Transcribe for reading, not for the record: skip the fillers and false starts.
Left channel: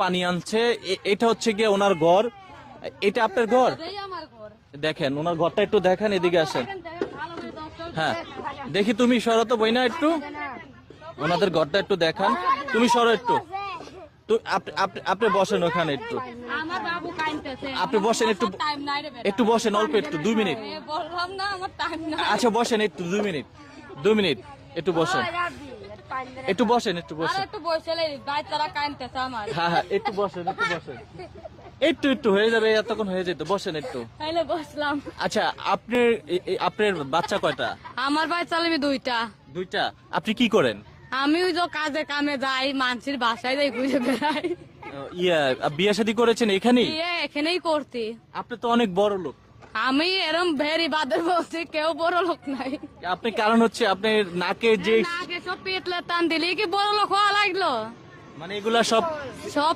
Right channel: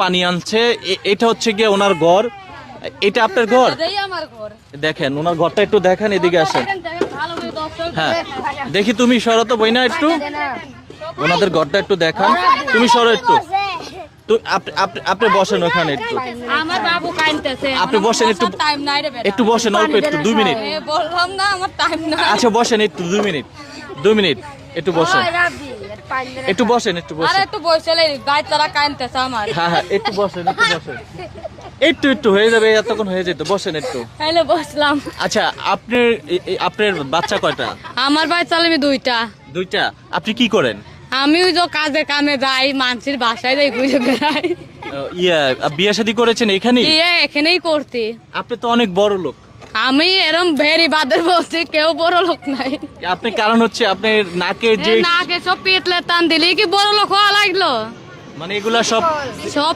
পানি আনছে, এটা হচ্ছে গিয়ে ওনার ঘর। এটা আপনার ঘর? এটাই আমার ঘর। দেখেন ওনার ঘরটা একটু দেখেন, এদিকে আসেন। দেখেন ভালো করে দর্শক হ্যাঁ দেখি, তুমি সরো তো বইনা একটু, ওনাদের ঘরটা একটু দেখান। তুমি সরো একটু, আপনি বসেন ওখানে একটু, আমার বাবু কাঁদতেছে। আপনি বসেন একটু, টাইম নাই রে বেটা। একটু বসেন অল্প একটু 2 মিনিট। বললাম না আমার টাইম নাই। আচ্ছা বসেন একটু 2 মিনিট, 2 মিনিট একটু বসেন, একটু বসেন, একটু আরে বসেন। একটু বসলে গাছ তারা কাঁদতেছে আমার। হ্যাঁ হ্যাঁ একটু বসেন, একটু বসেন, একটু একটু হয়ে যাবে, এতক্ষণ হয়ে যেত, বসেন একটু। তাইলে বসলাম। আচ্ছা আপনার বাচ্চা কয়টা? আমার বাচ্চা আমি দুইটা। দুইটা। আপনি কি করেন? আমি ওই যে কাজে কামে যাই, মানুষের বাসায় যাই, ঘুরে বেড়াই। বিয়ে শাদী করেছেন এখানেই? বিয়ে এখানেই করতে। আপনি তো অনেক বড় লোক। আমি এরম ভেরি বাদের বলছি, কেউ বড় লোক নাই। আপনি কারণ হচ্ছে আপনার নাকের যে নাকে সব পিতলে টান দিলে কি বড় লোক হওয়া লাগলো? মানে এগুলা সব সব